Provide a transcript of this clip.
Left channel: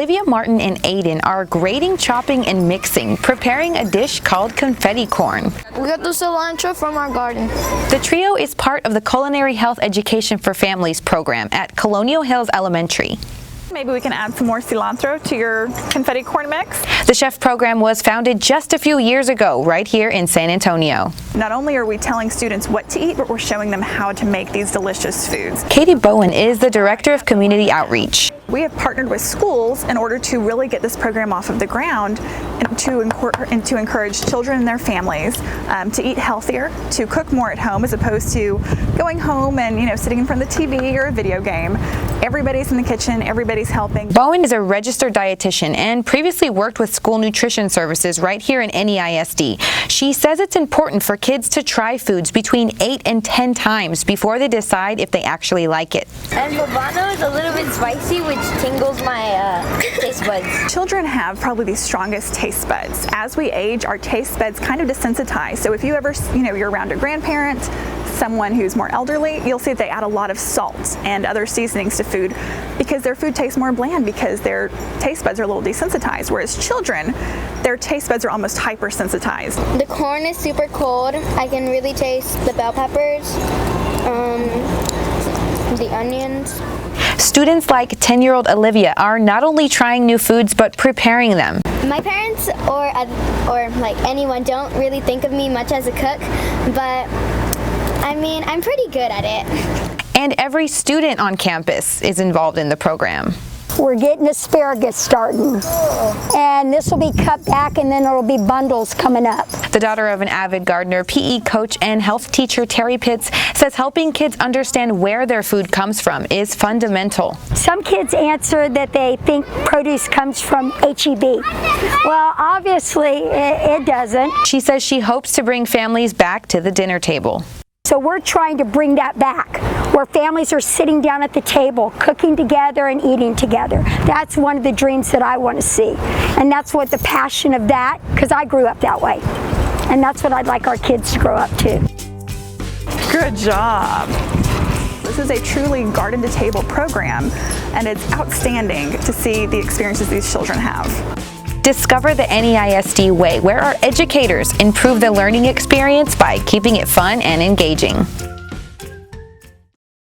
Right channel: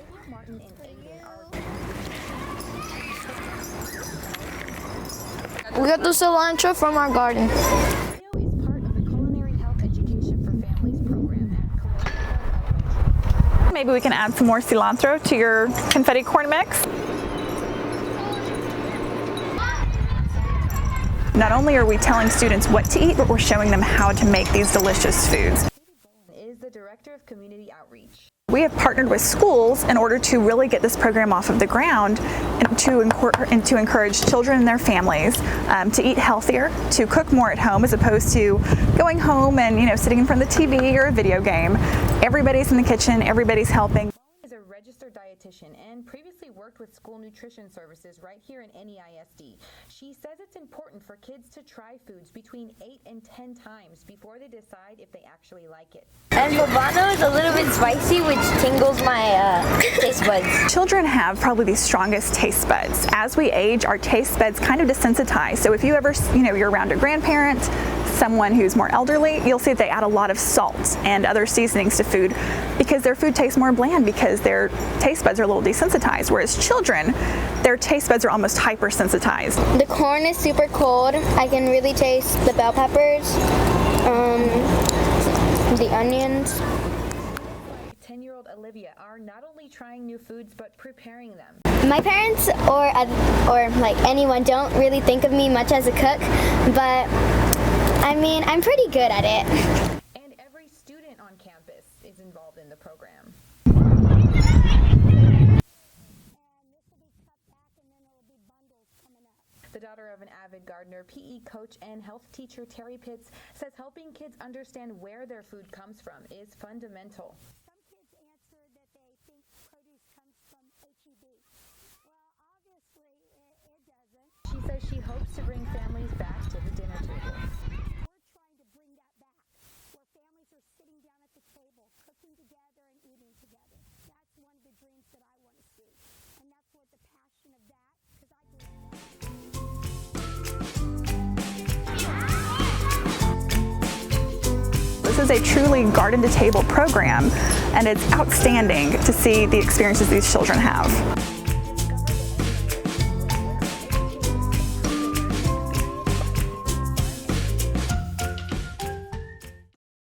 Olivia, Martin, and Aiden are grating, chopping, and mixing, preparing a dish called confetti corn. We got the cilantro from our garden. The trio is part of the Culinary Health Education for Families program at Colonial Hills Elementary. Maybe we can add some more cilantro to your confetti corn mix. The chef program was founded just a few years ago right here in San Antonio. Not only are we telling students what to eat, but we're showing them how to make these delicious foods. Katy Bowen is the Director of Community Outreach. We have partnered with schools in order to really get this program off of the ground and to encourage children and their families to eat healthier, to cook more at home as opposed to going home and sitting in front of the TV or a video game. Everybody's in the kitchen, everybody's helping. Bowen is a registered dietitian and previously worked with school nutrition services right here in NEISD. She says it's important for kids to try foods between 8 and 10 times before they decide if they actually like it. And poblano is a little bit spicy, which tingles my taste buds. Children have probably the strongest taste buds. As we age, our taste buds kind of desensitize. So if you ever, you're around a grandparent, someone who's more elderly, you'll see that they add a lot of salt and other seasonings to food because their food tastes more bland because their taste buds are a little desensitized, whereas children, their taste buds are almost hypersensitized. The corn is super cold. I can really taste the bell peppers, the onions. Students like 10-year-old Olivia are not only trying new foods but preparing them. My parents or like anyone don't really think of me much as a cook, but I mean, I'm pretty good at it. And every student on campus is involved in the program. We're getting asparagus starting, and this will be cut back and then it'll be bundles coming up. The daughter of an avid gardener, PE coach, and health teacher Terry Pitts says helping kids understand where their food comes from is fundamental. Some kids answer that they think produce comes from HEB. Well, obviously it doesn't. She says she hopes to bring families back to the dinner table. So we're trying to bring that back, where families are sitting down at the table, cooking together and eating together. That's one of the dreams that I want to see. And that's what the passion of that, because I grew up that way. And that's what I'd like our kids to grow up to. Good job. This is a truly garden to table program, and it's outstanding to see the experiences these children have. Discover the NEISD way, where our educators improve the learning experience by keeping it fun and engaging.